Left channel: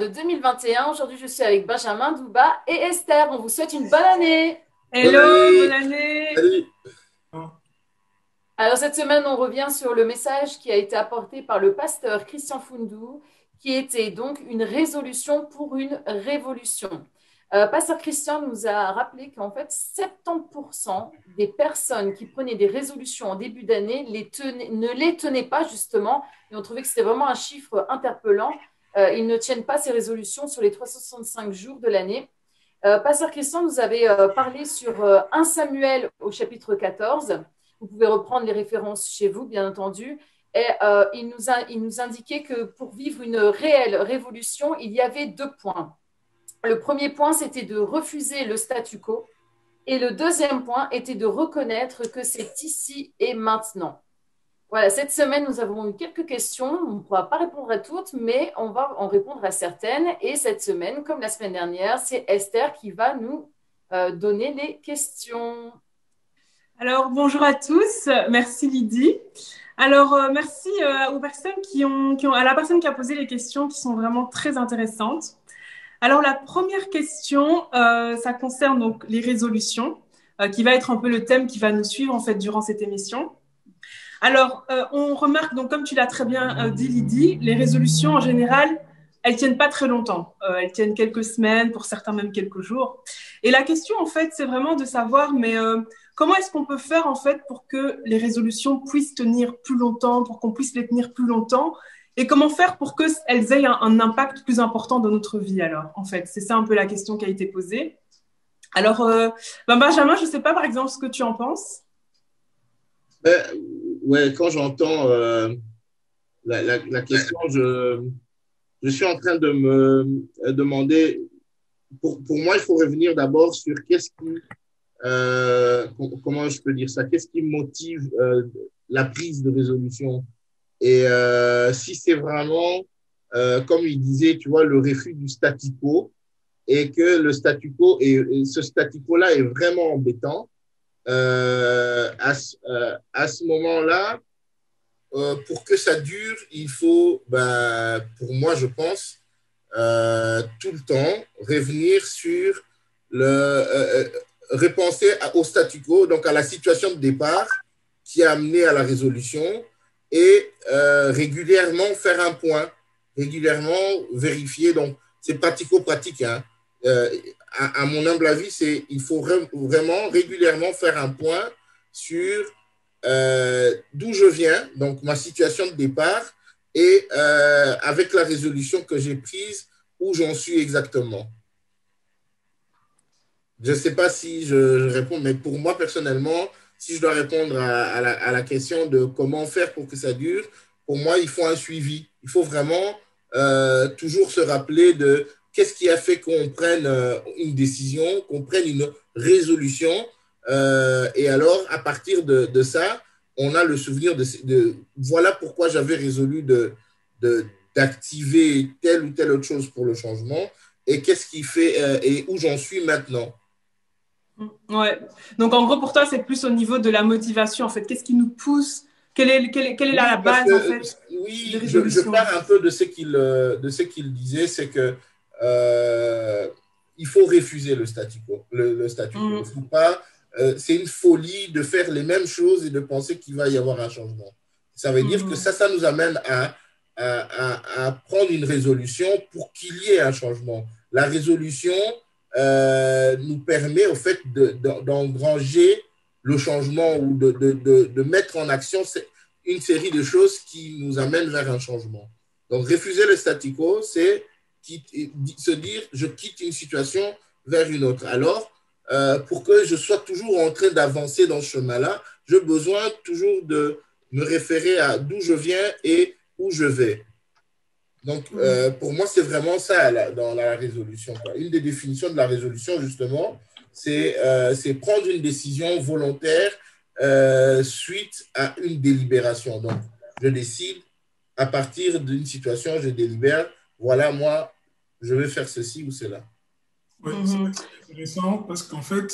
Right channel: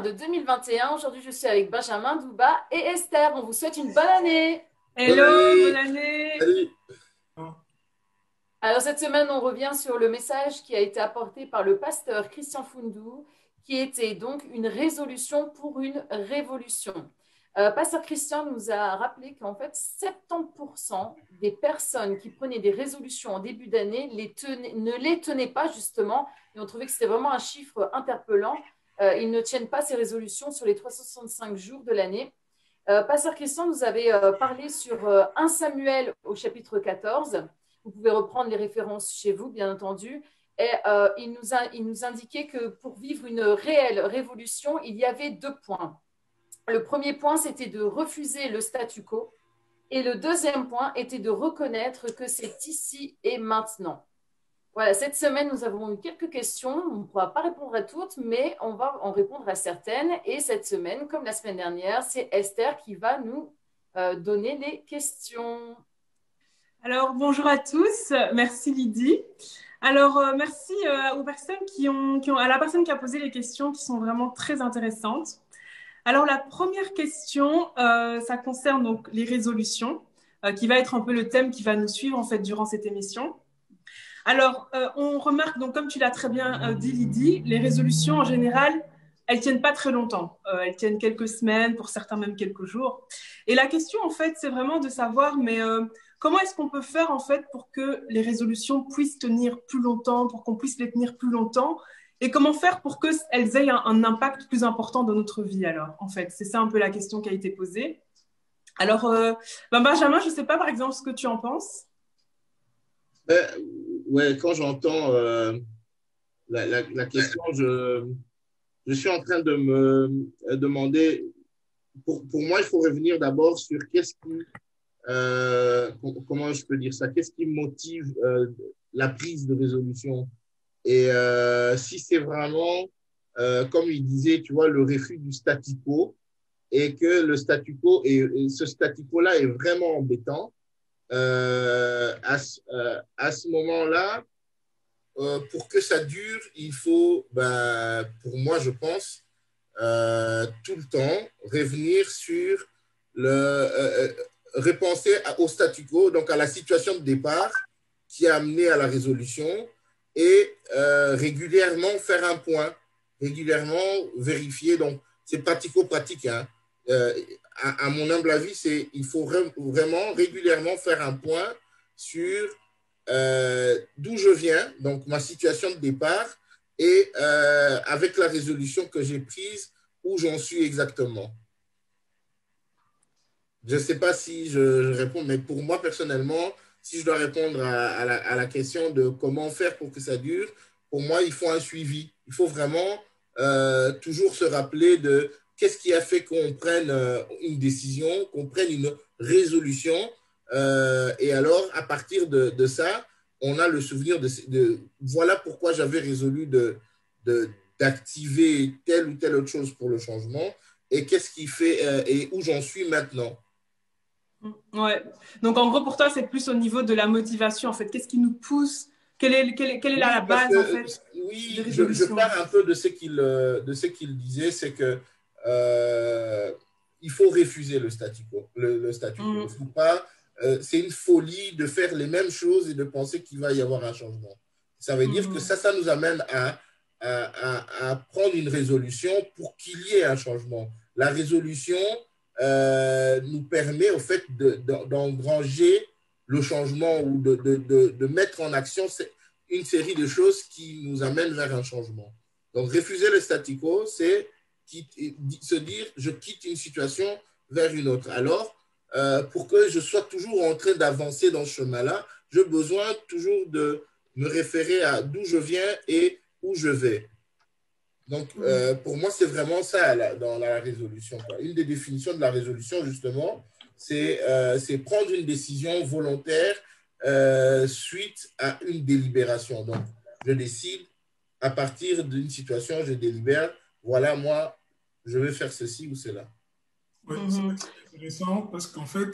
De 2021. Aujourd'hui, je suis avec Benjamin Douba et Esther. On vous souhaite une bonne année. Hello, bonne année. Alors, cette semaine, on revient sur le message qui a été apporté par le pasteur Christian Fundou, qui était donc une résolution pour une révolution. Pasteur Christian nous a rappelé qu'en fait, 70% des personnes qui prenaient des résolutions en début d'année ne les tenaient pas justement, et on trouvait que c'était vraiment un chiffre interpellant. Ils ne tiennent pas ces résolutions sur les 365 jours de l'année. Pasteur Christian nous avait parlé sur 1 Samuel au chapitre 14. Vous pouvez reprendre les références chez vous, bien entendu. Et il nous indiquait que pour vivre une réelle révolution, il y avait 2 points. Le premier point, c'était de refuser le statu quo. Et le deuxième point était de reconnaître que c'est ici et maintenant. Voilà, cette semaine, nous avons eu quelques questions. On ne pourra pas répondre à toutes, mais on va en répondre à certaines. Et cette semaine, comme la semaine dernière, c'est Esther qui va nous donner les questions. Alors, bonjour à tous. Merci Lydie. Alors, merci aux personnes à la personne qui a posé les questions qui sont vraiment très intéressantes. Alors, la première question, ça concerne donc les résolutions, qui va être un peu le thème qui va nous suivre en fait durant cette émission. Alors, on remarque, donc, comme tu l'as très bien dit, Lydie, les résolutions en général, elles tiennent pas très longtemps. Elles tiennent quelques semaines, pour certains même quelques jours. Et la question, en fait, c'est vraiment de savoir, mais comment est-ce qu'on peut faire, en fait, pour que les résolutions puissent tenir plus longtemps, pour qu'on puisse les tenir plus longtemps, et comment faire pour qu'elles aient un impact plus important dans notre vie, alors, en fait. C'est ça un peu la question qui a été posée. Alors, Benjamin, je ne sais pas, par exemple, ce que tu en penses. Ouais, quand j'entends la question, je suis en train de me demander, pour moi, il faut revenir d'abord sur comment je peux dire ça, qu'est-ce qui motive la prise de résolution. Et si c'est vraiment, comme il disait, tu vois, le refus du statu quo, et que le statu quo, et ce statu quo-là est vraiment embêtant, à ce moment-là, pour que ça dure, il faut, pour moi, je pense, tout le temps revenir sur repenser au statu quo, donc à la situation de départ qui a amené à la résolution et régulièrement faire un point, régulièrement vérifier. Donc, c'est pratico-pratique, hein. À mon humble avis, il faut vraiment régulièrement faire un point sur d'où je viens, donc ma situation de départ, et avec la résolution que j'ai prise, où j'en suis exactement. Je ne sais pas si je réponds, mais pour moi personnellement, si je dois répondre à la question de comment faire pour que ça dure, pour moi, il faut un suivi. Il faut vraiment toujours se rappeler de qu'est-ce qui a fait qu'on prenne une décision, qu'on prenne une résolution. Et alors, à partir de ça, on a le souvenir de voilà pourquoi j'avais résolu d'activer telle ou telle autre chose pour le changement et qu'est-ce qui fait et où j'en suis maintenant. Ouais. Donc, en gros, pour toi, c'est plus au niveau de la motivation, en fait. Qu'est-ce qui nous pousse? Quelle est la base, en fait? Oui, je pars un peu de ce qu'il disait, c'est que il faut refuser le statu quo. Le statu quo. Il faut pas, c'est une folie de faire les mêmes choses et de penser qu'il va y avoir un changement. Ça veut dire que ça nous amène à prendre une résolution pour qu'il y ait un changement. La résolution nous permet au fait d'engranger le changement ou de mettre en action une série de choses qui nous amènent vers un changement. Donc, refuser le statu quo, c'est se dire, je quitte une situation vers une autre. Alors, pour que je sois toujours en train d'avancer dans ce chemin-là, j'ai besoin toujours de me référer à d'où je viens et où je vais. Donc, pour moi, c'est vraiment ça là, dans la résolution, quoi. Une des définitions de la résolution, justement, c'est prendre une décision volontaire suite à une délibération. Donc, je décide à partir d'une situation, je délibère, voilà, moi, je vais faire ceci ou cela. Oui, c'est intéressant parce qu'en fait,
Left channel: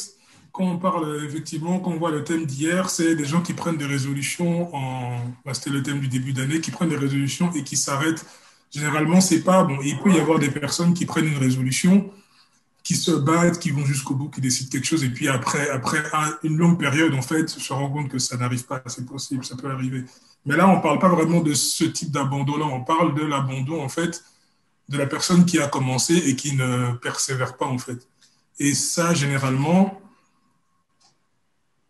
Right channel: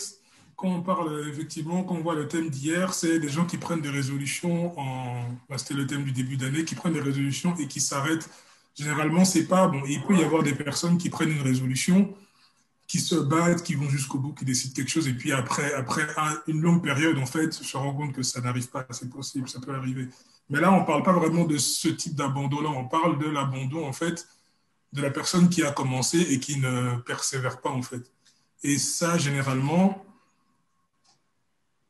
quand on parle effectivement, quand on voit le thème d'hier, c'est les gens qui prennent des résolutions c'était le thème du début d'année, qui prennent des résolutions et qui s'arrêtent. Généralement, c'est pas bon. Il peut y avoir des personnes qui prennent une résolution, qui se battent, qui vont jusqu'au bout, qui décident quelque chose, et puis après une longue période, en fait, se rend compte que ça n'arrive pas, c'est possible, ça peut arriver. Mais là, on parle pas vraiment de ce type d'abandon-là, on parle de l'abandon, en fait, de la personne qui a commencé et qui ne persévère pas, en fait. Et ça, généralement,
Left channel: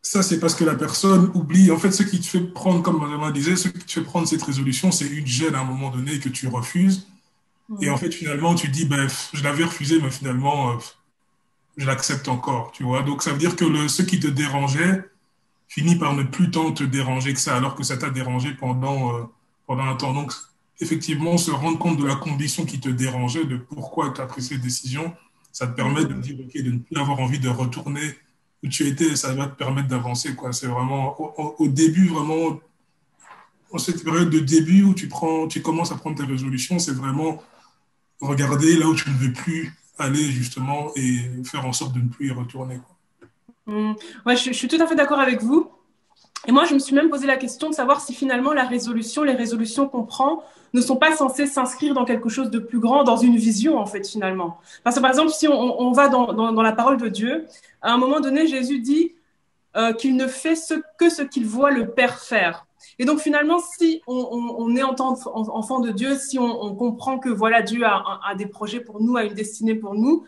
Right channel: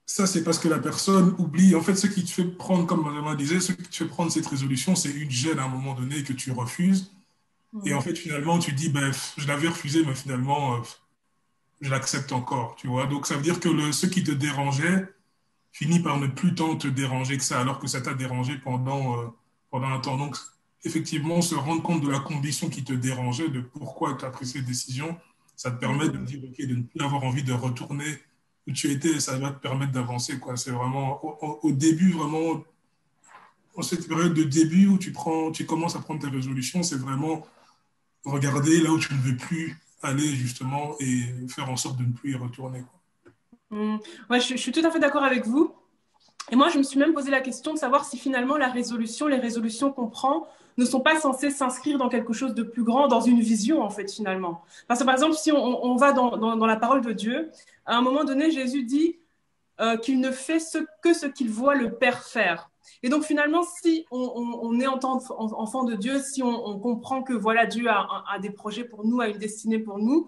ça, c'est parce que la personne oublie. En fait, ce qui te fait prendre, comme Madame disait, ce qui te fait prendre cette résolution, c'est une gêne à un moment donné que tu refuses. Et en fait, finalement, tu dis, ben, je l'avais refusé, mais finalement, je l'accepte encore, tu vois. Donc, ça veut dire que ce qui te dérangeait finit par ne plus tant te déranger que ça, alors que ça t'a dérangé pendant un temps. Donc, effectivement, se rendre compte de la condition qui te dérangeait, de pourquoi tu as pris cette décision, ça te permet de dire, OK, de ne plus avoir envie de retourner où tu étais, ça va te permettre d'avancer, quoi. C'est vraiment, au début, vraiment, en cette période de début où tu commences à prendre tes résolutions, c'est vraiment regarder là où tu ne veux plus aller, justement, et faire en sorte de ne plus y retourner, quoi. Ouais, je suis tout à fait d'accord avec vous. Et moi, je me suis même posé la question de savoir si finalement les résolutions qu'on prend, ne sont pas censées s'inscrire dans quelque chose de plus grand, dans une vision, en fait, finalement. Parce que, par exemple, si on va dans la parole de Dieu, à un moment donné, Jésus dit qu'il ne fait que ce qu'il voit le Père faire. Et donc, finalement, si on est enfant de Dieu, si on comprend que voilà, Dieu a des projets pour nous, a une destinée pour nous,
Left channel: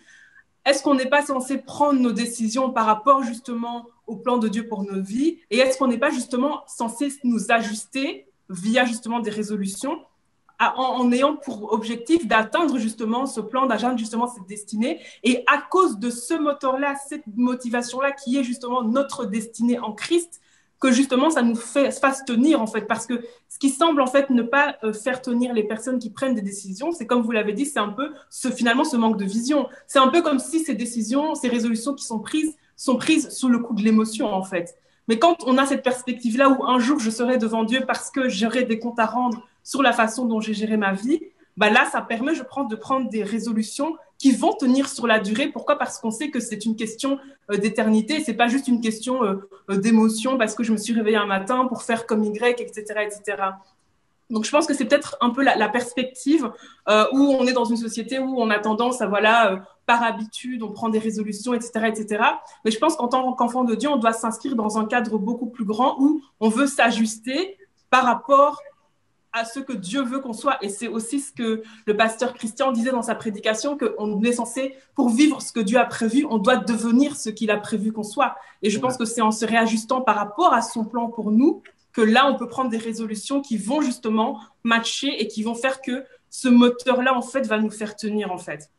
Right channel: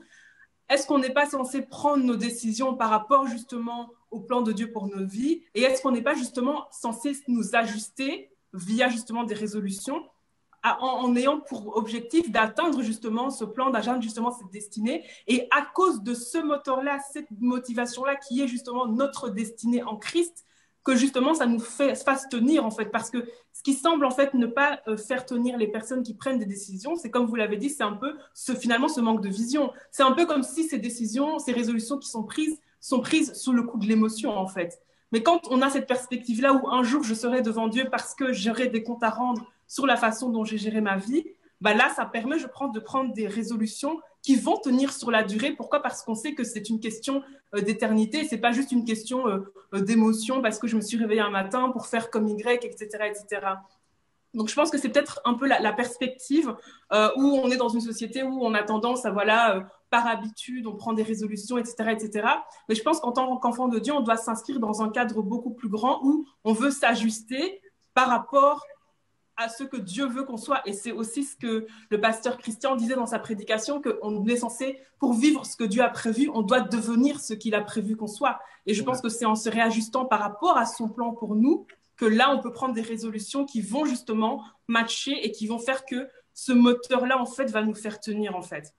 est-ce qu'on n'est pas censé prendre nos décisions par rapport justement au plan de Dieu pour nos vies? Et est-ce qu'on n'est pas justement censé nous ajuster via justement des résolutions en ayant pour objectif d'atteindre justement ce plan, d'atteindre justement cette destinée? Et à cause de ce moteur-là, cette motivation-là qui est justement notre destinée en Christ, que justement ça nous fasse tenir en fait. Parce que ce qui semble en fait ne pas faire tenir les personnes qui prennent des décisions, c'est comme vous l'avez dit, c'est un peu finalement ce manque de vision. C'est un peu comme si ces décisions, ces résolutions qui sont prises sous le coup de l'émotion en fait. Mais quand on a cette perspective-là où un jour je serai devant Dieu parce que j'aurai des comptes à rendre sur la façon dont j'ai géré ma vie, bah là, ça permet, je pense, de prendre des résolutions qui vont tenir sur la durée. Pourquoi? Parce qu'on sait que c'est une question d'éternité, c'est pas juste une question d'émotion parce que je me suis réveillée un matin pour faire comme Y, etc., etc. Donc je pense que c'est peut-être un peu la perspective où on est dans une société où on a tendance à, voilà, par habitude, on prend des résolutions, etc., etc. Mais je pense qu'en tant qu'enfant de Dieu, on doit s'inscrire dans un cadre beaucoup plus grand où on veut s'ajuster par rapport à ce que Dieu veut qu'on soit. Et c'est aussi ce que le pasteur Christian disait dans sa prédication, qu'on est censé, pour vivre ce que Dieu a prévu, on doit devenir ce qu'il a prévu qu'on soit. Et je pense que c'est en se réajustant par rapport à son plan pour nous que là, on peut prendre des résolutions qui vont justement matcher et qui vont faire que ce moteur-là, en fait, va nous faire tenir, en fait.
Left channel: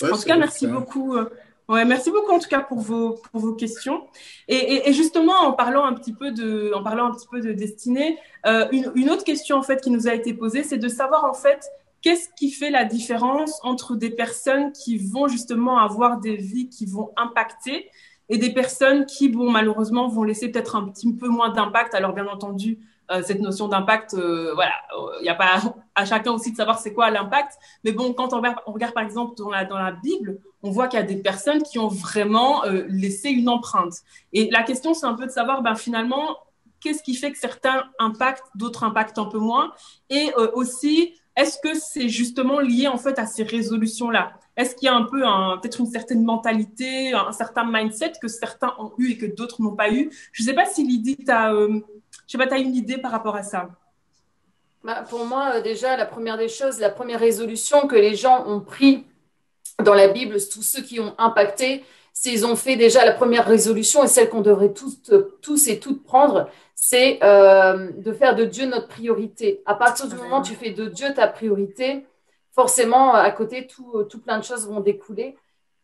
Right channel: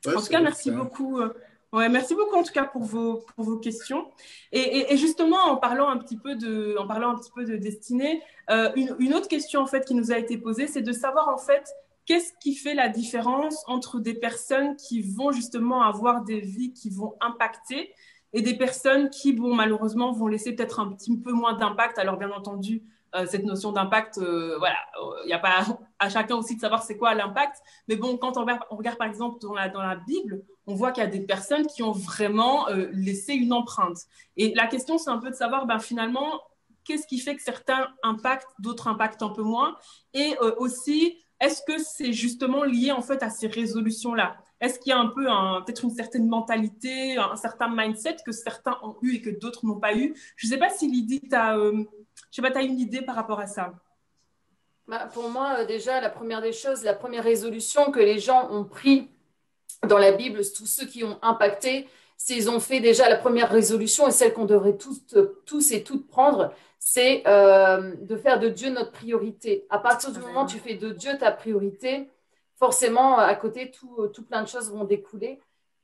Ouais, en tout cas, merci beaucoup. Merci beaucoup en tout cas pour vos questions. Et justement, en parlant un petit peu de destinée, une autre question en fait qui nous a été posée, c'est de savoir en fait qu'est-ce qui fait la différence entre des personnes qui vont justement avoir des vies qui vont impacter et des personnes qui vont malheureusement vont laisser peut-être un petit peu moins d'impact. Alors bien entendu, cette notion d'impact, voilà, il n'y a pas à chacun aussi de savoir c'est quoi l'impact. Mais bon, quand on regarde par exemple dans la Bible, on voit qu'il y a des personnes qui ont vraiment laissé une empreinte. Et la question, c'est un peu de savoir finalement, qu'est-ce qui fait que certains impactent, d'autres impactent un peu moins? Et aussi, est-ce que c'est justement lié en fait à ces résolutions-là? Est-ce qu'il y a un peu peut-être une certaine mentalité, un certain mindset que certains ont eu et que d'autres n'ont pas eu? Je ne sais pas si Lydie, tu as une idée par rapport à ça. Pour moi, déjà, la première des choses, la première résolution que les gens ont prise dans la Bible, tous ceux qui ont impacté, c'est ils ont fait déjà la première résolution et celle qu'on devrait tous et toutes prendre, c'est de faire de Dieu notre priorité. À partir du moment où tu fais de Dieu ta priorité, forcément, à côté, tout plein de choses vont découler.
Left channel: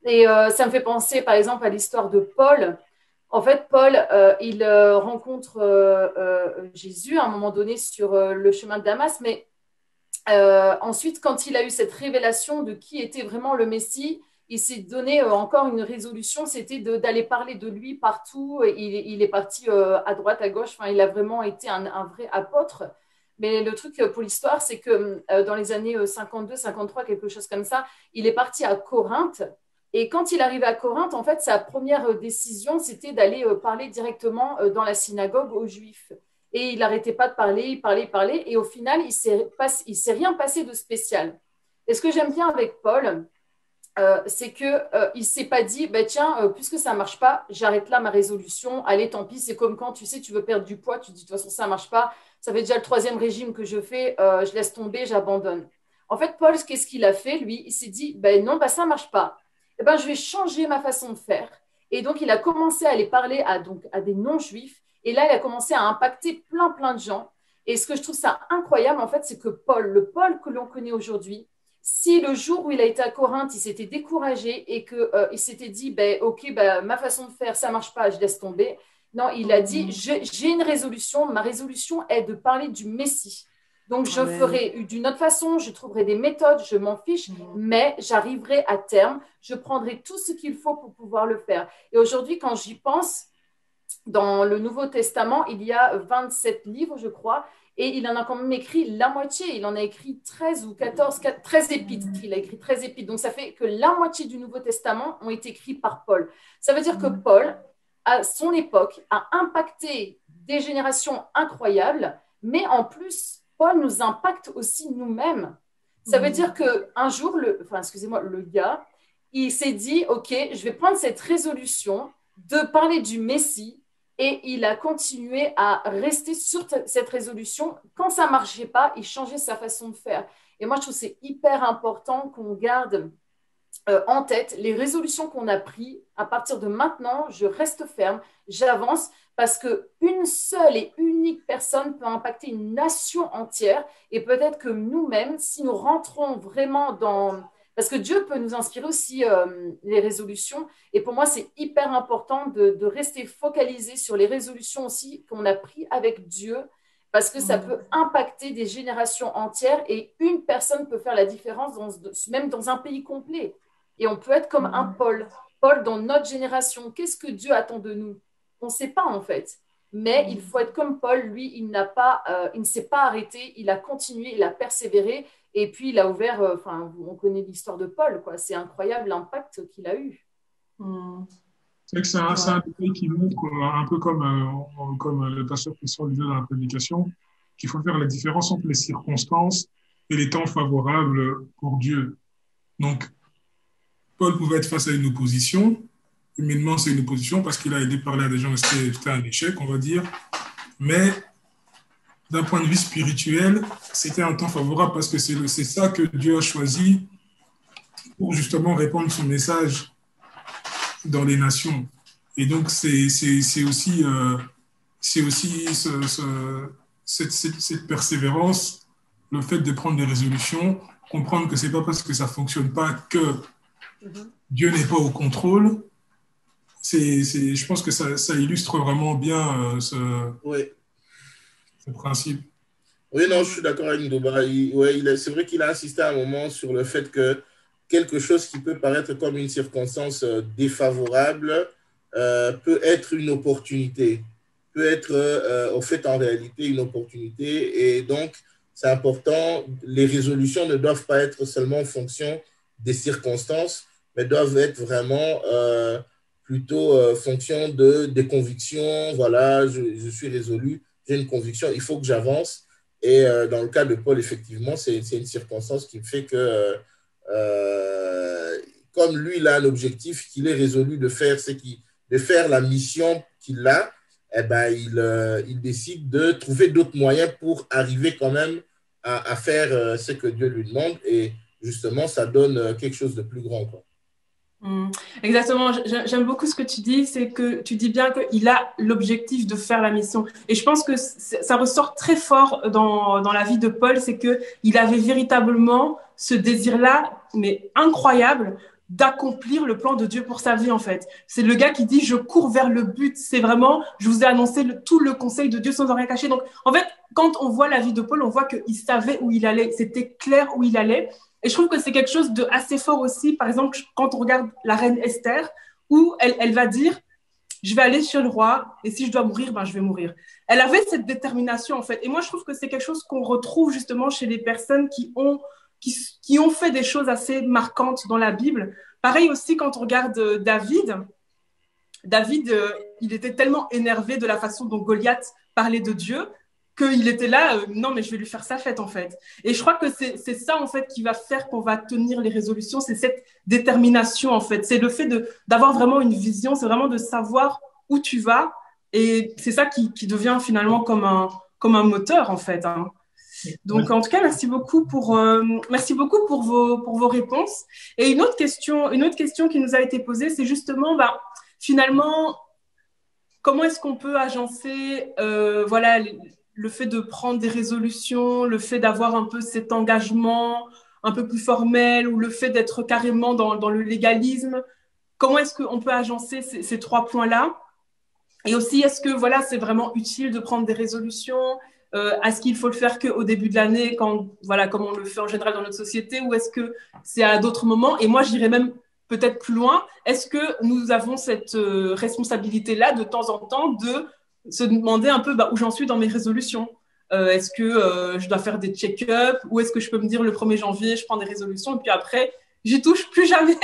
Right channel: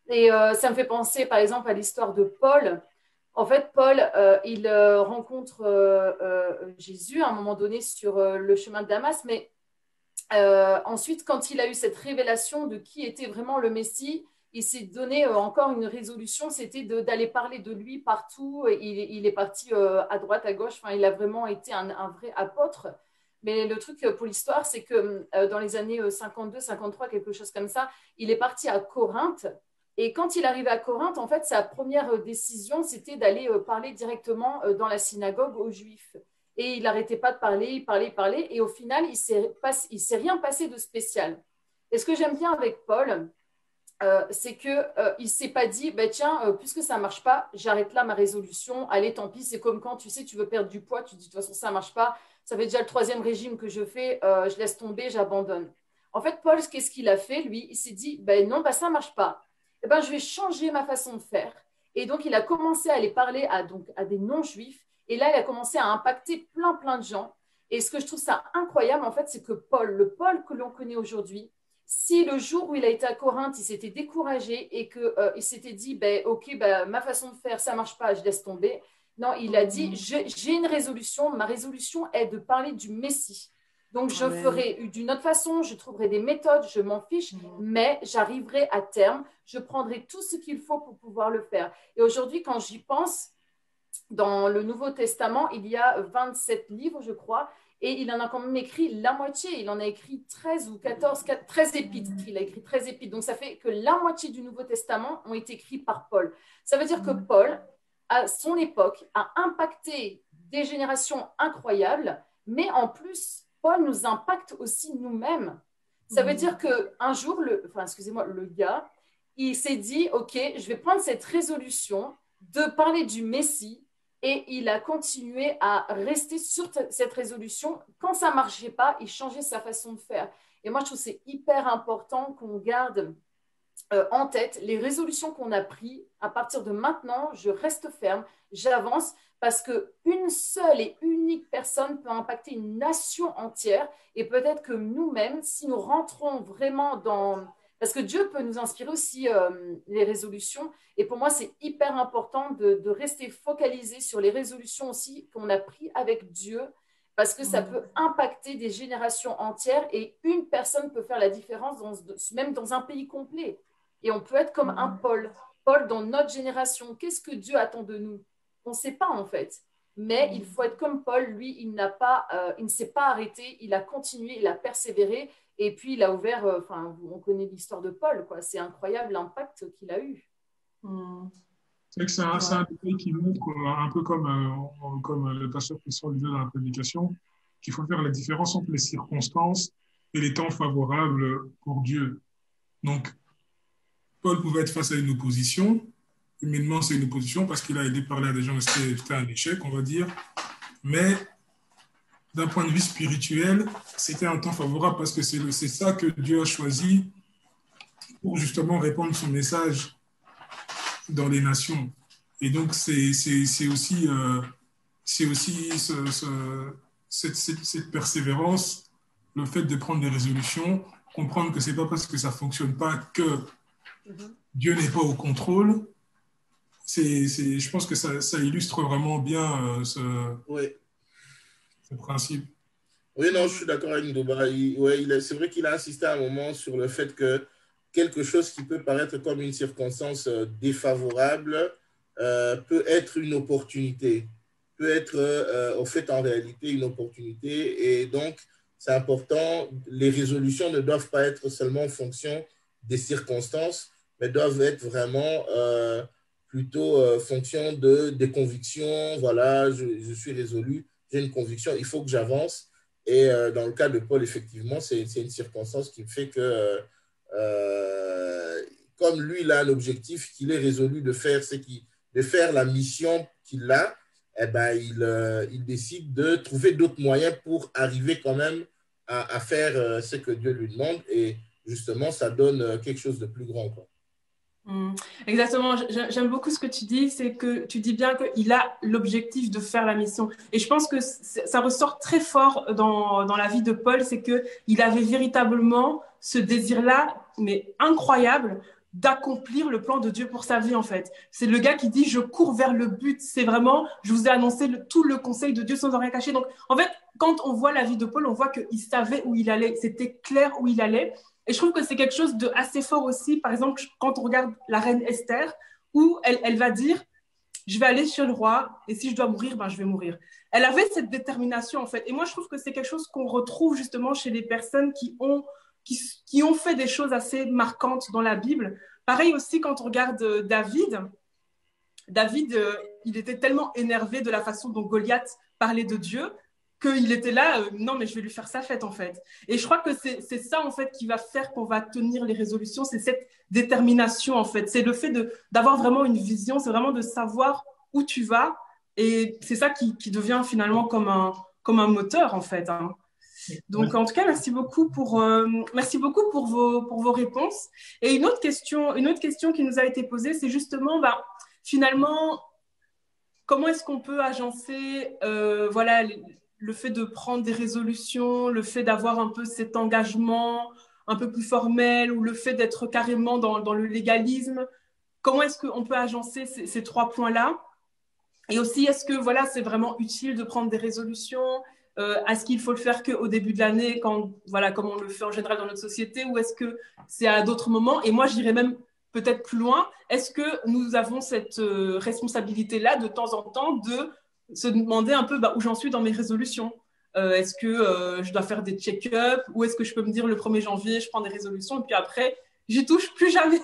Et ça me fait penser, par exemple, à l'histoire de Paul. En fait, Paul, il rencontre Jésus à un moment donné sur le chemin de Damas, mais ensuite, quand il a eu cette révélation de qui était vraiment le Messie, il s'est donné encore une résolution, c'était d'aller parler de lui partout. Il est parti à droite, à gauche, enfin, il a vraiment été un vrai apôtre. Mais le truc pour l'histoire, c'est que dans les années 52, 53, quelque chose comme ça, il est parti à Corinthe. Et quand il arrivait à Corinthe, en fait, sa première décision, c'était d'aller parler directement dans la synagogue aux Juifs. Et il n'arrêtait pas de parler, il parlait, il parlait. Et au final, il s'est rien passé de spécial. Et ce que j'aime bien avec Paul, c'est qu'il ne s'est pas dit, bah, tiens, puisque ça ne marche pas, j'arrête là ma résolution. Allez, tant pis, c'est comme quand tu sais, tu veux perdre du poids, tu dis, de toute façon, ça ne marche pas. Ça fait déjà le troisième régime que je fais, je laisse tomber, j'abandonne. En fait, Paul, qu'est-ce qu'il a fait, lui? Il s'est dit, ben non, bah, ça ne marche pas. Eh ben, je vais changer ma façon de faire. Et donc, il a commencé à aller parler à des non-juifs. Et là, il a commencé à impacter plein, plein de gens. Et ce que je trouve ça incroyable, en fait, c'est que Paul, le Paul que l'on connaît aujourd'hui, si le jour où il a été à Corinthe, il s'était découragé et qu'il s'était dit, ben, ok, ben, ma façon de faire, ça ne marche pas, je laisse tomber. Non, il a dit, j'ai une résolution, ma résolution est de parler du Messie. Donc, je ferai d'une autre façon, je trouverai des méthodes, je m'en fiche, mais j'arriverai à terme, je prendrai tout ce qu'il faut pour pouvoir le faire. Et aujourd'hui, quand j'y pense, dans le Nouveau Testament, il y a 27 livres, je crois, et il en a quand même écrit la moitié. Il en a écrit 13 ou 14, 13 épîtres. Il a écrit 13 épîtres. Donc, ça fait que la moitié du Nouveau Testament ont été écrits par Paul. Ça veut dire que Paul, à son époque, a impacté des générations incroyables, mais en plus, Paul nous impacte aussi nous-mêmes. Ça veut dire qu'un jour, le gars, il s'est dit, OK, je vais prendre cette résolution de parler du Messie, et il a continué à rester sur cette résolution. Quand ça ne marchait pas, il changeait sa façon de faire. Et moi, je trouve que c'est hyper important qu'on garde en tête les résolutions qu'on a prises. À partir de maintenant, je reste ferme, j'avance, parce qu'une seule et unique personne peut impacter une nation entière. Et peut-être que nous-mêmes, si nous rentrons vraiment dans... Parce que Dieu peut nous inspirer aussi les résolutions. Et pour moi, c'est hyper important de rester focalisé sur les résolutions aussi qu'on a prises avec Dieu, parce que ça peut impacter des générations entières et une personne peut faire la différence même dans un pays complet. Et on peut être comme un Paul. Paul, dans notre génération, qu'est-ce que Dieu attend de nous? On ne sait pas en fait. Mais il faut être comme Paul, lui, il ne s'est pas arrêté, il a continué, il a persévéré. Et puis, il a ouvert, on connaît l'histoire de Paul, quoi. C'est incroyable l'impact qu'il a eu. C'est vrai que c'est un détail qui montre, un peu comme le pasteur Christian disait dans la prédication, qu'il faut faire la différence entre les circonstances et les temps favorables pour Dieu. Donc, Paul pouvait être face à une opposition. Humainement, c'est une opposition parce qu'il a aidé parler à des gens et c'était un échec, on va dire. Mais d'un point de vue spirituel, c'était un temps favorable parce que c'est ça que Dieu a choisi pour justement répandre son message dans les nations. Et donc, c'est aussi cette persévérance, le fait de prendre des résolutions, comprendre que c'est pas parce que ça fonctionne pas que Dieu n'est pas au contrôle. Je pense que ça illustre vraiment bien ce principe. Oui, non, je suis d'accord avec Noba. C'est vrai qu'il a insisté à un moment sur le fait que quelque chose qui peut paraître comme une circonstance défavorable peut être une opportunité, peut être au fait en réalité une opportunité. Et donc, c'est important, les résolutions ne doivent pas être seulement en fonction des circonstances, mais doivent être vraiment plutôt fonction des convictions. Voilà, je suis résolu, j'ai une conviction, il faut que j'avance. Et dans le cas de Paul, effectivement, c'est une circonstance qui fait que, comme lui, il a un objectif qu'il est résolu de faire, de faire la mission qu'il a, eh ben, il décide de trouver d'autres moyens pour arriver quand même à faire ce que Dieu lui demande. Et justement, ça donne quelque chose de plus grand, quoi. Exactement, j'aime beaucoup ce que tu dis, c'est que tu dis bien qu'il a l'objectif de faire la mission. Et je pense que ça ressort très fort dans la vie de Paul, c'est qu'il avait véritablement ce désir-là, mais incroyable, d'accomplir le plan de Dieu pour sa vie, en fait. C'est le gars qui dit, je cours vers le but. C'est vraiment, je vous ai annoncé tout le conseil de Dieu sans rien cacher. Donc, en fait, quand on voit la vie de Paul, on voit qu'il savait où il allait. C'était clair où il allait. Et je trouve que c'est quelque chose de assez fort aussi. Par exemple, quand on regarde la reine Esther, où elle va dire, je vais aller chez le roi, et si je dois mourir, ben, je vais mourir. Elle avait cette détermination, en fait. Et moi, je trouve que c'est quelque chose qu'on retrouve justement chez les personnes qui ont fait des choses assez marquantes dans la Bible. Pareil aussi quand on regarde David. David, il était tellement énervé de la façon dont Goliath parlait de Dieu qu'il était là, non mais je vais lui faire sa fête en fait. Et je crois que c'est ça en fait qui va faire qu'on va tenir les résolutions, c'est cette détermination en fait. C'est le fait d'avoir vraiment une vision, c'est vraiment de savoir où tu vas et c'est ça qui devient finalement comme un moteur en fait. Hein. Donc, en tout cas, merci beaucoup pour vos réponses. Et une autre question qui nous a été posée, c'est justement, bah, finalement, comment est-ce qu'on peut agencer voilà, le fait de prendre des résolutions, le fait d'avoir un peu cet engagement un peu plus formel ou le fait d'être carrément dans le légalisme. Comment est-ce qu'on peut agencer ces trois points-là? Et aussi, est-ce que voilà, c'est vraiment utile de prendre des résolutions? Est-ce qu'il faut le faire qu'au début de l'année, voilà, comme on le fait en général dans notre société, ou est-ce que c'est à d'autres moments? Et moi, j'irais même peut-être plus loin. Est-ce que nous avons cette responsabilité-là de temps en temps de se demander un peu où j'en suis dans mes résolutions? Est-ce que je dois faire des check-ups ou est-ce que je peux me dire le 1er janvier, je prends des résolutions et puis après, j'y touche plus jamais?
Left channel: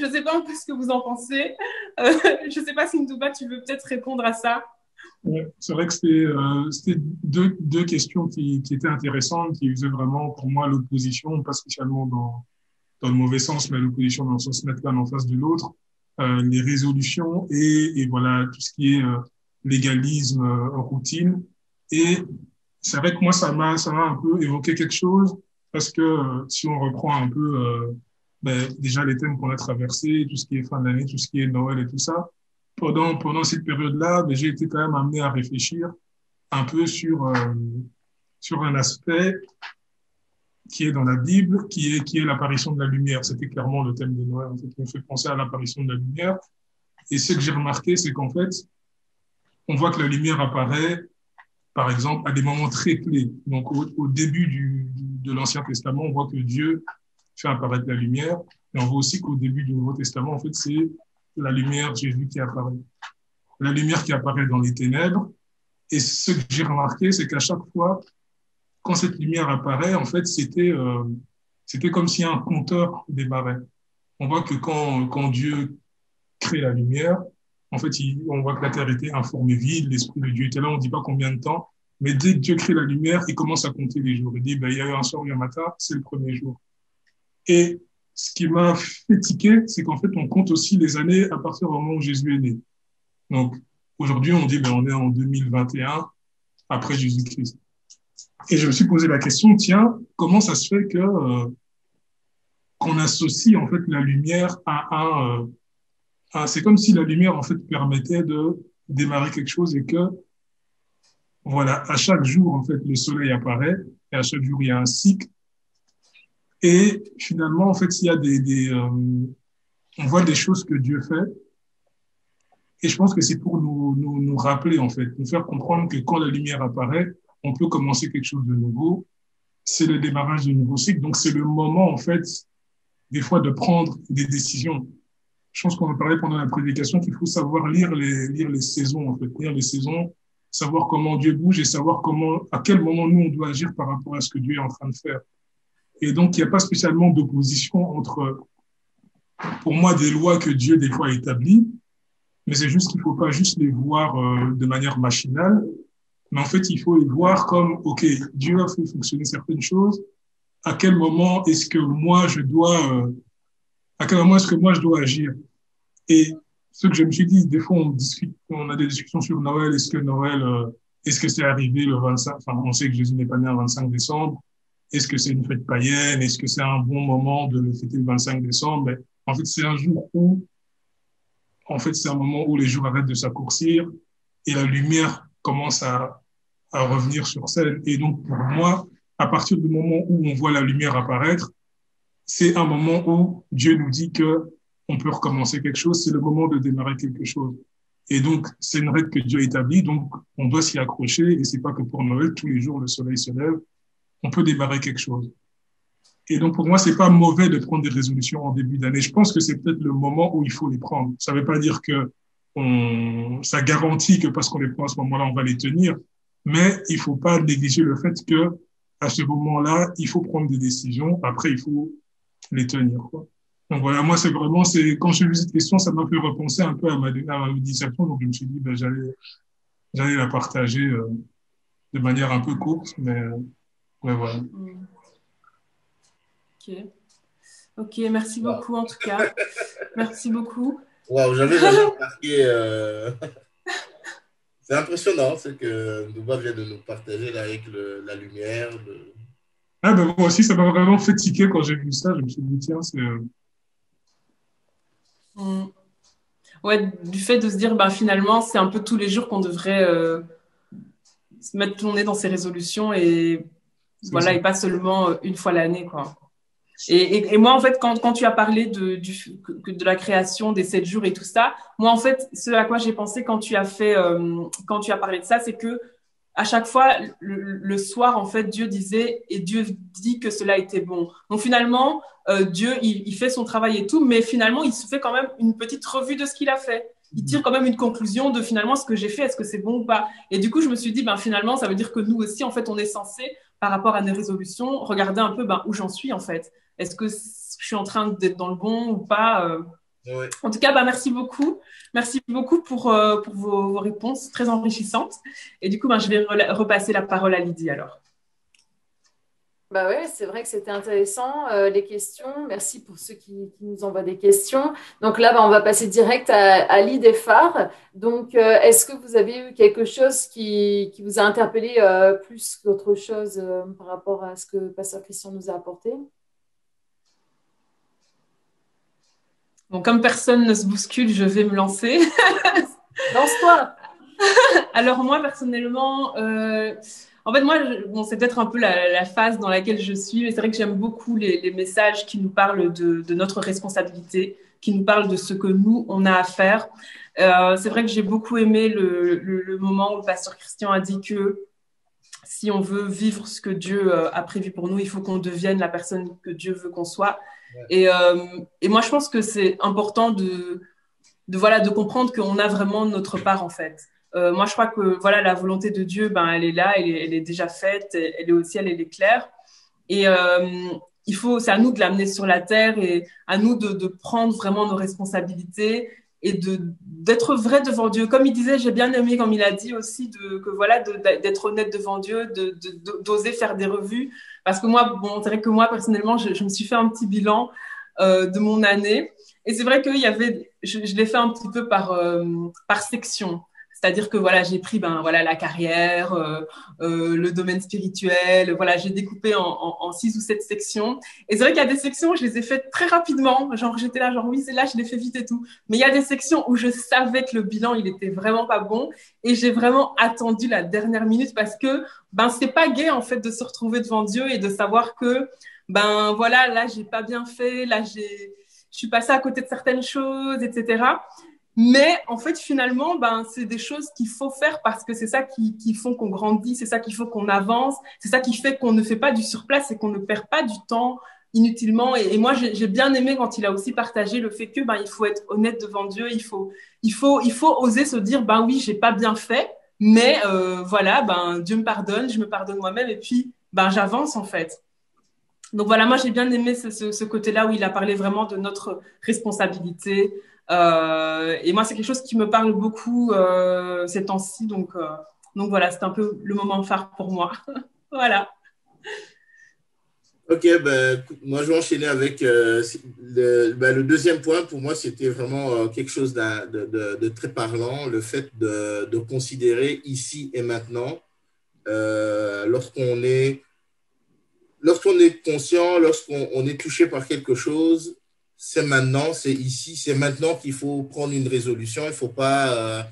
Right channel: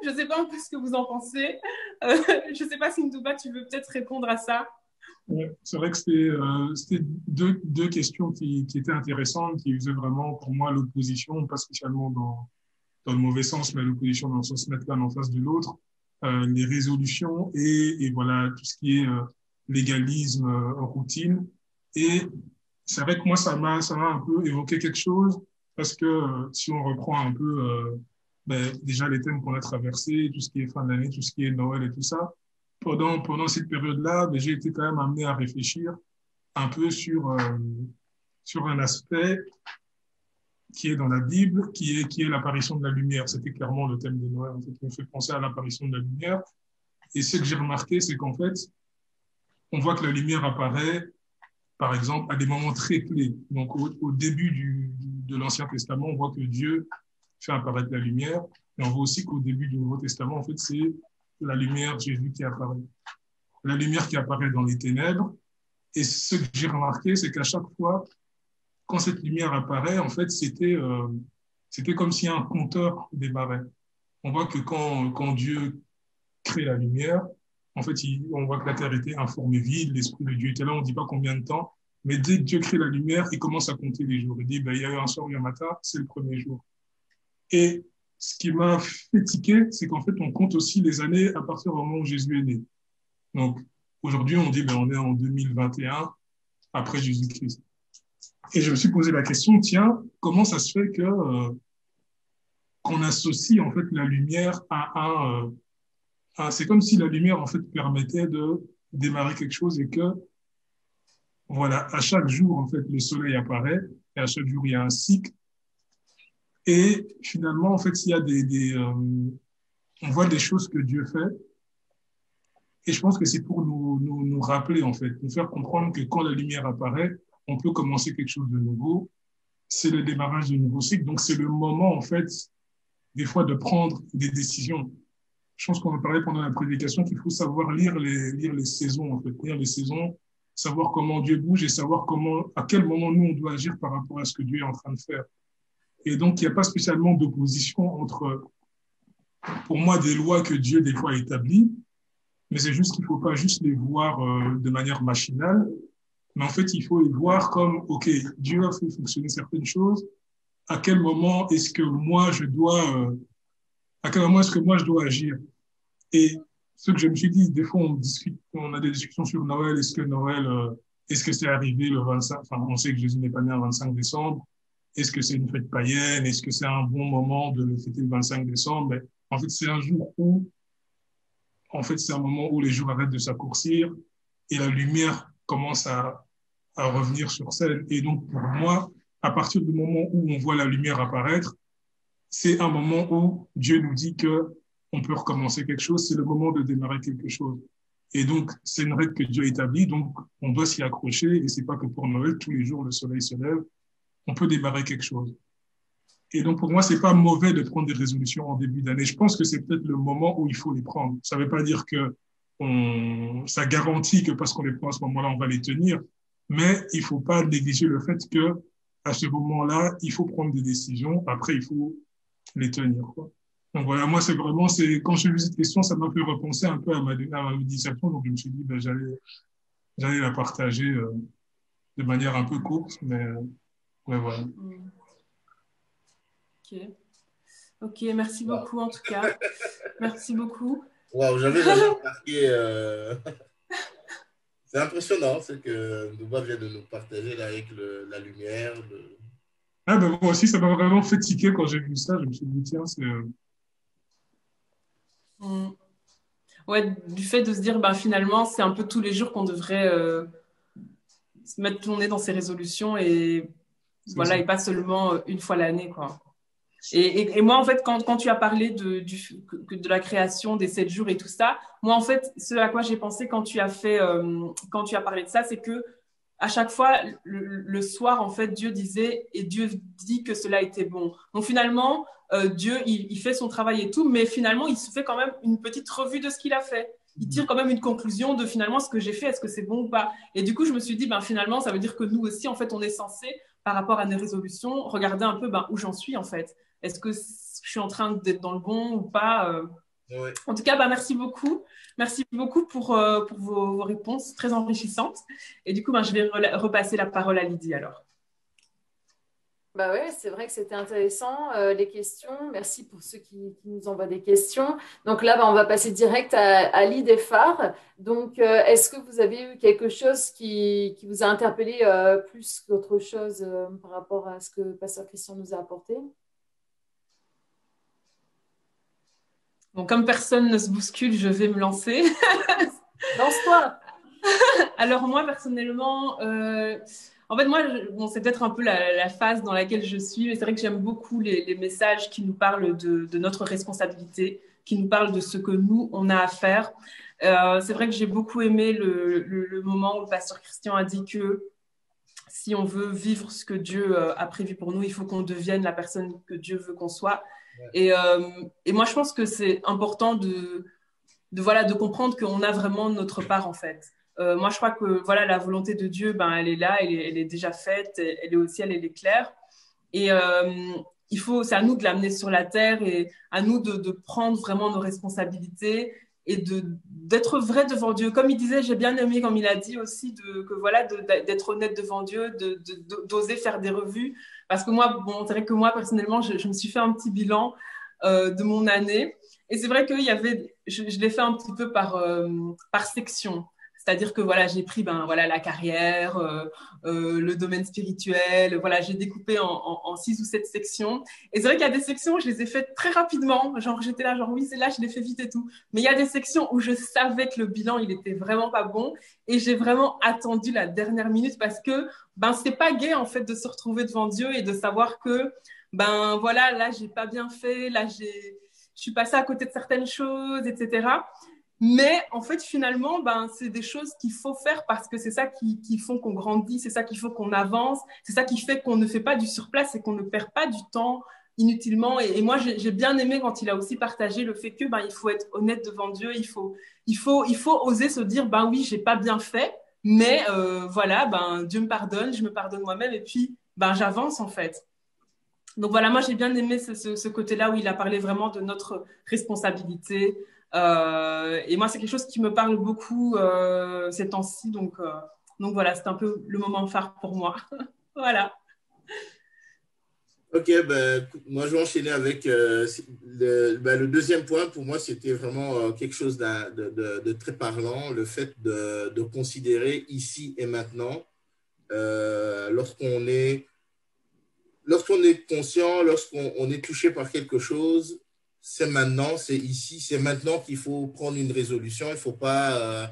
Je ne sais pas un peu ce que vous en pensez. Je ne sais pas si Ndouba, tu veux peut-être répondre à ça. Ouais, c'est vrai que c'était deux questions qui étaient intéressantes, qui faisaient vraiment pour moi l'opposition, pas spécialement dans le mauvais sens, mais l'opposition dans le sens de mettre l'un en face de l'autre, les résolutions et voilà tout ce qui est légalisme, routine. Et c'est vrai que moi, ça m'a un peu évoqué quelque chose, parce que si on reprend un peu déjà les thèmes qu'on a traversés, tout ce qui est fin d'année, tout ce qui est Noël et tout ça, pendant cette période-là, j'ai été quand même amené à réfléchir un peu sur un aspect qui est dans la Bible, qui est l'apparition de la lumière. C'était clairement le thème de Noël, en fait, qui me fait penser à l'apparition de la lumière. Et ce que j'ai remarqué, c'est qu'en fait, on voit que la lumière apparaît, par exemple, à des moments très clés. Donc, au début de l'Ancien Testament, on voit que Dieu fait apparaître la lumière. Et on voit aussi qu'au début du Nouveau Testament, en fait, c'est la lumière, Jésus qui apparaît. La lumière qui apparaît dans les ténèbres. Et ce que j'ai remarqué, c'est qu'à chaque fois, quand cette lumière apparaît, en fait, c'était comme si un compteur démarrait. On voit que quand Dieu crée la lumière, en fait, on voit que la terre était informée vide, l'Esprit de Dieu était là, on ne dit pas combien de temps, mais dès que Dieu crée la lumière, il commence à compter les jours. Il dit, il y a eu un soir et un matin, c'est le premier jour. Et ce qui m'a fait tiquer, c'est qu'en fait, on compte aussi les années à partir du moment où Jésus est né. Donc, aujourd'hui, on dit on est en 2021, après Jésus-Christ. Et je me suis posé la question, tiens, comment ça se fait qu'on associe en fait la lumière c'est comme si la lumière en fait permettait de démarrer quelque chose et que voilà, à chaque jour en fait le soleil apparaît et à chaque jour il y a un cycle et finalement en fait il y a on voit des choses que Dieu fait et je pense que c'est pour nous rappeler en fait, nous faire comprendre que quand la lumière apparaît, on peut commencer quelque chose de nouveau. C'est le démarrage d'un nouveau cycle. Donc, c'est le moment, en fait, des fois, de prendre des décisions. Je pense qu'on en parlait pendant la prédication qu'il faut savoir lire les saisons, en fait, lire les saisons, savoir comment Dieu bouge et savoir à quel moment nous, on doit agir par rapport à ce que Dieu est en train de faire. Et donc, il n'y a pas spécialement d'opposition entre, pour moi, des lois que Dieu, des fois, établit, mais c'est juste qu'il ne faut pas juste les voir de manière machinale, mais en fait, il faut les voir comme, OK, Dieu a fait fonctionner certaines choses. À quel moment est-ce que moi, je dois agir? Et ce que je me suis dit, des fois, on a des discussions sur Noël. Est-ce que c'est arrivé le 25? Enfin, on sait que Jésus n'est pas né le 25 décembre. Est-ce que c'est une fête païenne? Est-ce que c'est un bon moment de fêter le 25 décembre? Mais en fait, c'est un jour où, en fait, c'est un moment où les jours arrêtent de s'accourcir et la lumière commence à revenir sur scène. Et donc, pour moi, à partir du moment où on voit la lumière apparaître, c'est un moment où Dieu nous dit que on peut recommencer quelque chose, c'est le moment de démarrer quelque chose. Et donc, c'est une règle que Dieu établit, donc on doit s'y accrocher, et c'est pas que pour Noël, tous les jours le soleil se lève, on peut démarrer quelque chose. Et donc, pour moi, c'est pas mauvais de prendre des résolutions en début d'année. Je pense que c'est peut-être le moment où il faut les prendre. Ça veut pas dire que ça garantit que parce qu'on les prend à ce moment-là, on va les tenir, mais il faut pas négliger le fait que à ce moment-là, il faut prendre des décisions. Après, il faut les tenir, quoi. Donc voilà, moi, c'est vraiment, quand j'ai vu cette question, ça m'a fait repenser un peu à ma méditation. Donc, je me suis dit, ben, j'allais la partager de manière un peu courte, mais voilà. Ok, merci beaucoup en tout cas. Merci beaucoup. Waouh, j'avais jamais remarqué. C'est impressionnant ce que Nouba vient de nous partager là, avec la lumière. Ah, ben, moi aussi, ça m'a vraiment fait tiquer quand j'ai vu ça. Je me suis dit, tiens, c'est. Ouais, du fait de se dire, bah, finalement, c'est un peu tous les jours qu'on devrait se mettre tourner dans ses résolutions et voilà, et pas seulement une fois l'année, quoi. Et moi, en fait, quand tu as parlé de la création des 7 jours et tout ça, moi, en fait, ce à quoi j'ai pensé quand tu as quand tu as parlé de ça, c'est que à chaque fois, le soir, en fait, Dieu disait, et Dieu dit que cela était bon. Donc finalement, Dieu, il fait son travail et tout, mais finalement, il se fait quand même une petite revue de ce qu'il a fait. Il tire quand même une conclusion de finalement ce que j'ai fait, est-ce que c'est bon ou pas. Et du coup, je me suis dit, ben, finalement, ça veut dire que nous aussi, en fait, on est censé, par rapport à nos résolutions, regarder un peu ben, où j'en suis, en fait. Est-ce que je suis en train d'être dans le bon ou pas Ouais. En tout cas, bah, merci beaucoup. Merci beaucoup pour vos réponses très enrichissantes. Et du coup, bah, je vais repasser la parole à Lydie alors. Bah ouais, c'est vrai que c'était intéressant, les questions. Merci pour ceux qui nous envoient des questions. Donc là, bah, on va passer direct à l'idée phare. Donc, est-ce que vous avez eu quelque chose qui vous a interpellé plus qu'autre chose par rapport à ce que Pasteur Christian nous a apporté? Donc, comme personne ne se bouscule, je vais me lancer. Lance-toi! Alors moi, personnellement, en fait, moi, bon, c'est peut-être un peu la phase dans laquelle je suis. Et c'est vrai que j'aime beaucoup les messages qui nous parlent de notre responsabilité, qui nous parlent de ce que nous, on a à faire. C'est vrai que j'ai beaucoup aimé le moment où le pasteur Christian a dit que si on veut vivre ce que Dieu a prévu pour nous, il faut qu'on devienne la personne que Dieu veut qu'on soit. Et moi, je pense que c'est important voilà, de comprendre qu'on a vraiment notre part, en fait. Moi, je crois que voilà, la volonté de Dieu, ben, elle est là, elle est déjà faite, elle est au ciel, elle est claire. Et c'est à nous de l'amener sur la terre et à nous de prendre vraiment nos responsabilités et d'être vrai devant Dieu. Comme il disait, j'ai bien aimé, comme il a dit aussi, que voilà, d'être honnête devant Dieu, d'oser faire des revues. Parce que moi, bon, c'est vrai que moi, personnellement, je me suis fait un petit bilan de mon année. Et c'est vrai que je l'ai fait un petit peu par section. C'est-à-dire que voilà, j'ai pris ben, voilà, la carrière, le domaine spirituel. Voilà, j'ai découpé en 6 ou 7 sections. Et c'est vrai qu'il y a des sections, je les ai faites très rapidement. Genre, j'étais là, genre, oui, c'est là, je l'ai fait vite et tout. Mais il y a des sections où je savais que le bilan, il était vraiment pas bon. Et j'ai vraiment attendu la dernière minute parce que ben, c'est pas gai, en fait, de se retrouver devant Dieu et de savoir que, ben voilà, là, j'ai pas bien fait, là, je suis passée à côté de certaines choses, etc. Mais en fait, finalement, ben, c'est des choses qu'il faut faire parce que c'est ça qui font qu'on grandit, c'est ça qui fait qu'on avance, c'est ça qui fait qu'on ne fait pas du surplace et qu'on ne perd pas du temps inutilement. Et moi, j'ai bien aimé quand il a aussi partagé le fait que ben, il faut être honnête devant Dieu, il faut oser se dire, ben oui, j'ai pas bien fait, mais voilà, ben, Dieu me pardonne, je me pardonne moi-même et puis ben, j'avance en fait. Donc voilà, moi j'ai bien aimé ce côté-là où il a parlé vraiment de notre responsabilité. Et moi, c'est quelque chose qui me parle beaucoup ces temps-ci. Donc voilà, c'est un peu le moment phare pour moi. Voilà. Ok, ben, écoute, moi je vais enchaîner avec le deuxième point. Pour moi, c'était vraiment quelque chose de très parlant, le fait de considérer ici et maintenant, lorsqu'on est conscient, lorsqu'on est touché par quelque chose, c'est maintenant, c'est ici, c'est maintenant qu'il faut prendre une résolution. Il ne faut pas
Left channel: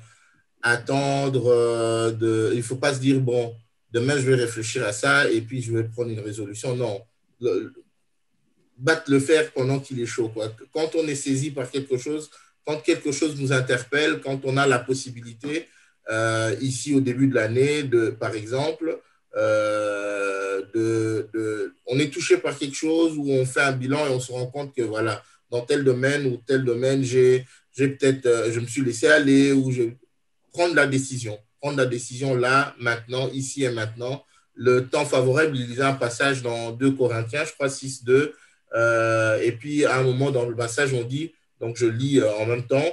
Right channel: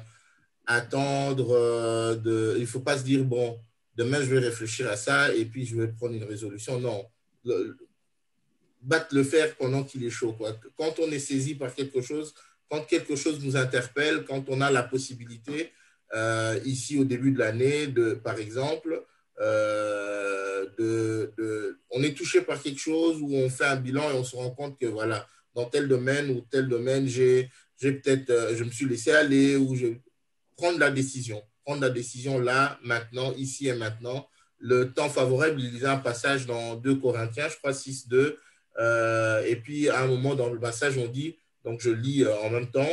attendre, il ne faut pas se dire, bon, demain je vais réfléchir à ça et puis je vais prendre une résolution. Non. battre le fer pendant qu'il est chaud, quoi. Quand on est saisi par quelque chose, quand quelque chose nous interpelle, quand on a la possibilité, ici au début de l'année, par exemple, on est touché par quelque chose où on fait un bilan et on se rend compte que voilà, dans tel domaine ou tel domaine, j'ai peut-être, je me suis laissé aller ou je prendre la décision là, maintenant, ici et maintenant. Le temps favorable, il y a un passage dans 2 Corinthiens, je crois 6:2, et puis à un moment dans le passage, on dit, donc je lis en même temps,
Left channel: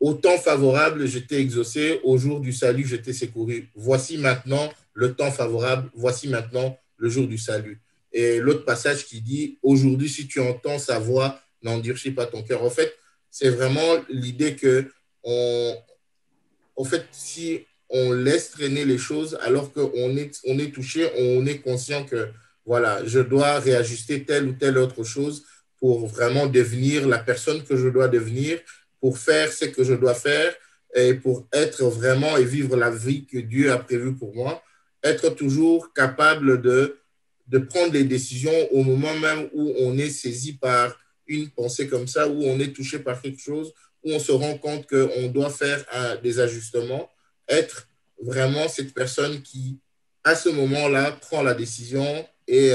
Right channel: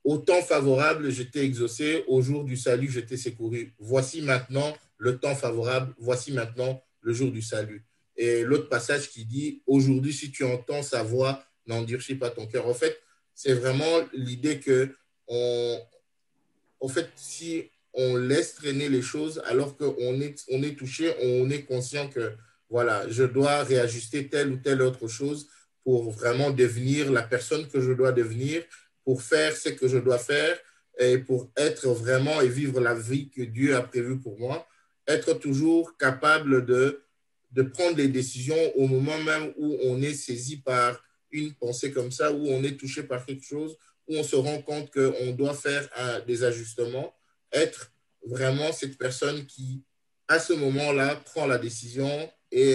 au temps favorable, j'étais exaucé, au jour du salut, j'étais secouru. Voici maintenant le temps favorable, voici maintenant le jour du salut. Et l'autre passage qui dit, aujourd'hui, si tu entends sa voix, n'endurcis pas ton cœur. En fait, c'est vraiment l'idée que, en fait, si on laisse traîner les choses alors on est touché, on est conscient que, voilà, je dois réajuster telle ou telle autre chose pour vraiment devenir la personne que je dois devenir, pour faire ce que je dois faire et pour être vraiment et vivre la vie que Dieu a prévue pour moi, être toujours capable de prendre des décisions au moment même où on est saisi par une pensée comme ça, où on est touché par quelque chose, où on se rend compte qu'on doit faire des ajustements, être vraiment cette personne qui, à ce moment-là, prend la décision et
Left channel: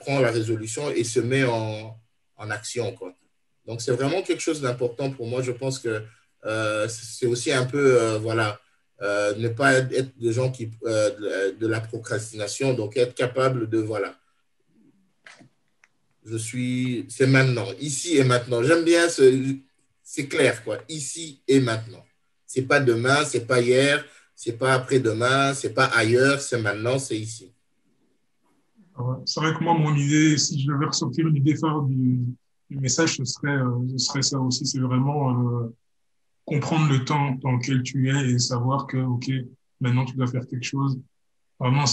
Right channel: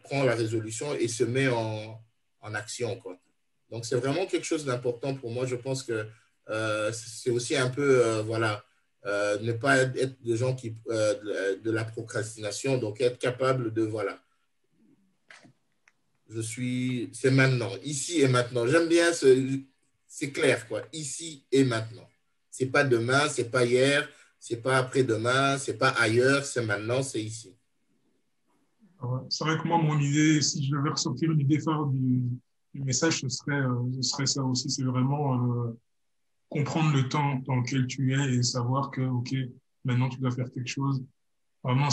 prend la résolution et se met en action, quoi. Donc, c'est vraiment quelque chose d'important pour moi. Je pense que c'est aussi un peu, voilà, ne pas être des gens de la procrastination, donc être capable de, voilà, c'est maintenant, ici et maintenant. J'aime bien c'est clair, quoi, ici et maintenant. C'est pas demain, c'est pas hier, c'est pas après-demain, c'est pas ailleurs, c'est maintenant, c'est ici. C'est vrai que moi, mon idée, si je devais ressortir une idée phare du message, ce serait ça aussi. C'est vraiment comprendre le temps dans lequel tu es et savoir que, OK, maintenant tu dois faire quelque chose. Vraiment,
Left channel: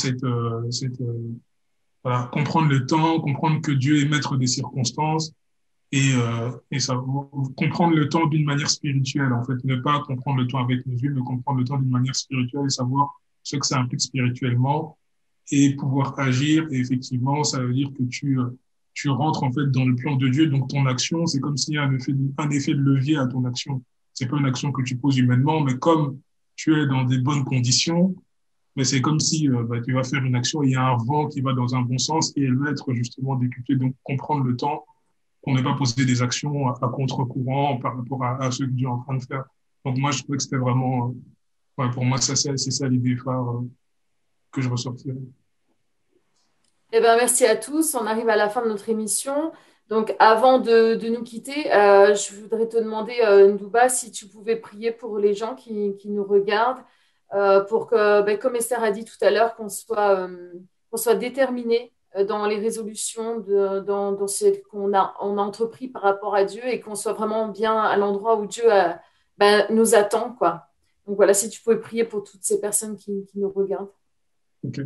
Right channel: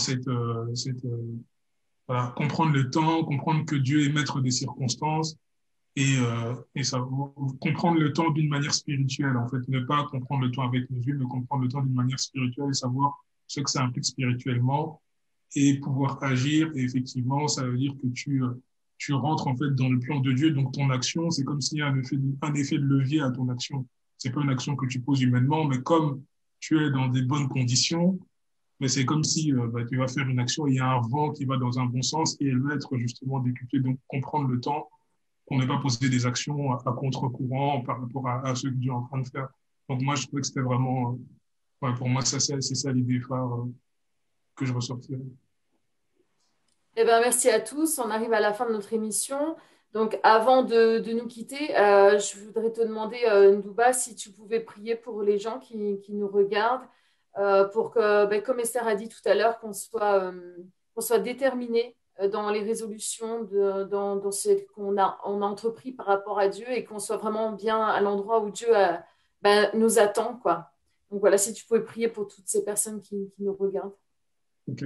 voilà, comprendre le temps, comprendre que Dieu est maître des circonstances et ça, comprendre le temps d'une manière spirituelle, en fait. Ne pas comprendre le temps avec nos yeux, mais comprendre le temps d'une manière spirituelle et savoir ce que ça implique spirituellement et pouvoir agir. Et effectivement, ça veut dire que tu rentres en fait dans le plan de Dieu, donc ton action, c'est comme s'il y a un effet de levier à ton action. C'est pas une action que tu poses humainement, mais comme tu es dans des bonnes conditions, mais c'est comme si tu vas faire une action, il y a un vent qui va dans un bon sens et elle va être justement décuplée. Donc comprendre le temps, qu'on n'ait pas posé des actions à contre-courant par rapport à ce que Dieu est en train de faire. Donc moi, je trouvais que c'était vraiment, ouais, pour moi, c'est ça l'idée phare que je ressortirais. Eh ben, merci à tous. On arrive à la fin de notre émission. Donc, avant de nous quitter, je voudrais te demander, Ndouba, si tu pouvais prier pour les gens qui nous regardent, pour que, ben, comme Esther a dit tout à l'heure, qu'on soit déterminé dans les résolutions, dans ce on a entrepris par rapport à Dieu et qu'on soit vraiment bien à l'endroit où Dieu ben, nous attend, quoi. Donc voilà, si tu pouvais prier pour toutes ces personnes qui nous regardent. Ok.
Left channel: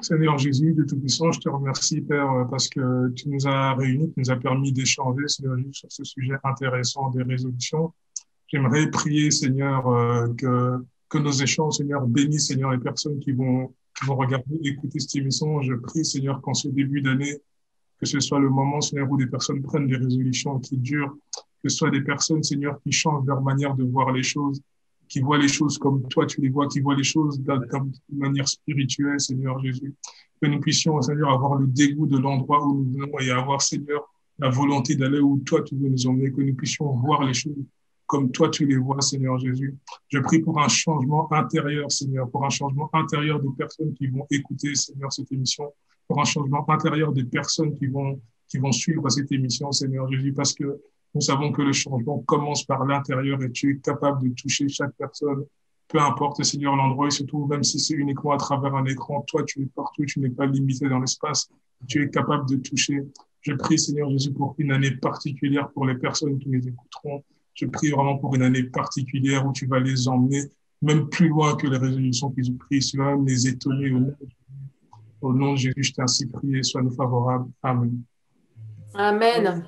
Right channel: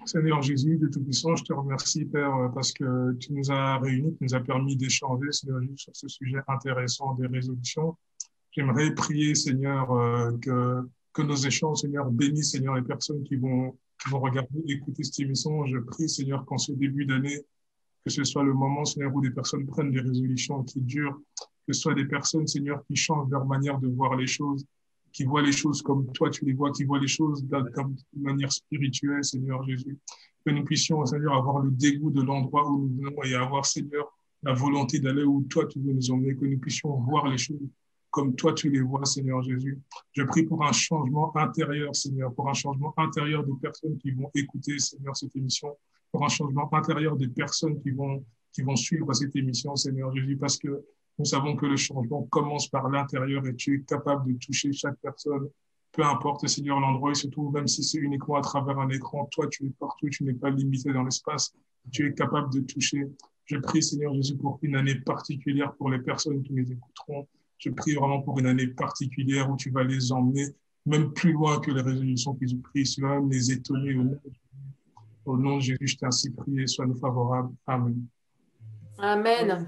Seigneur Jésus, de tout puissant, je te remercie, Père, parce que tu nous as réunis, tu nous as permis d'échanger, Seigneur, sur ce sujet intéressant des résolutions. J'aimerais prier, Seigneur, que nos échanges, Seigneur, bénissent, Seigneur, les personnes qui vont regarder, écouter cette émission. Je prie, Seigneur, qu'en ce début d'année, que ce soit le moment, Seigneur, où des personnes prennent des résolutions qui durent, que ce soit des personnes, Seigneur, qui changent leur manière de voir les choses, qui voient les choses comme toi tu les vois, qui voient les choses de manière spirituelle, Seigneur Jésus. Que nous puissions, Seigneur, avoir le dégoût de l'endroit où nous venons et avoir, Seigneur, la volonté d'aller où toi tu veux nous emmener, que nous puissions voir les choses comme toi tu les vois, Seigneur Jésus. Je prie pour un changement intérieur, Seigneur, pour un changement intérieur des personnes qui vont écouter, Seigneur, cette émission, pour un changement intérieur des personnes qui vont suivre cette émission, Seigneur Jésus, parce que nous savons que le changement commence par l'intérieur et tu es capable de toucher chaque personne, peu importe, Seigneur, l'endroit, et surtout, même si c'est uniquement à travers un écran, toi, tu es partout, tu n'es pas limité dans l'espace, tu es capable de toucher. Je prie, Seigneur Jésus, pour une année particulière pour les personnes qui les écouteront. Je prie vraiment pour une année particulière où tu vas les emmener, même plus loin que les résolutions qu'ils ont prises, tu vas les étonner. Au nom de Jésus, je t'ai ainsi prié, sois favorable. Amen. Amen.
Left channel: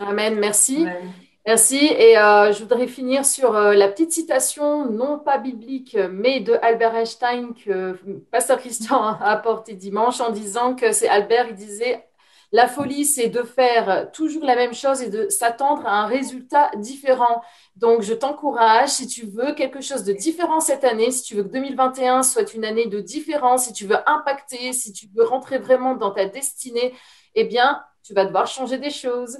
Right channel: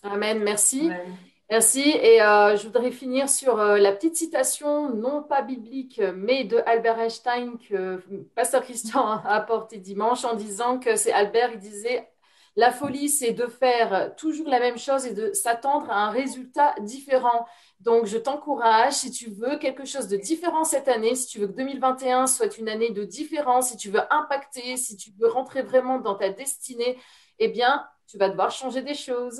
Amen. Merci. Amen. Merci. Et je voudrais finir sur la petite citation, non pas biblique, mais de Albert Einstein que Pasteur Christian a apporté dimanche en disant que c'est Albert, il disait La folie, c'est de faire toujours la même chose et de s'attendre à un résultat différent. Donc, je t'encourage, si tu veux quelque chose de différent cette année, si tu veux que 2021 soit une année de différence, si tu veux impacter, si tu veux rentrer vraiment dans ta destinée, eh bien, tu vas devoir changer des choses.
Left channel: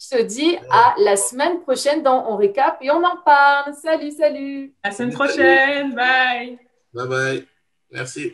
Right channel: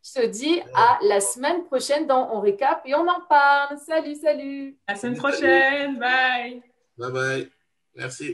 Je te dis à la semaine prochaine dans On Récap et on en parle. Salut, salut! À la semaine Salut, salut. prochaine. Bye. Bye bye. Merci.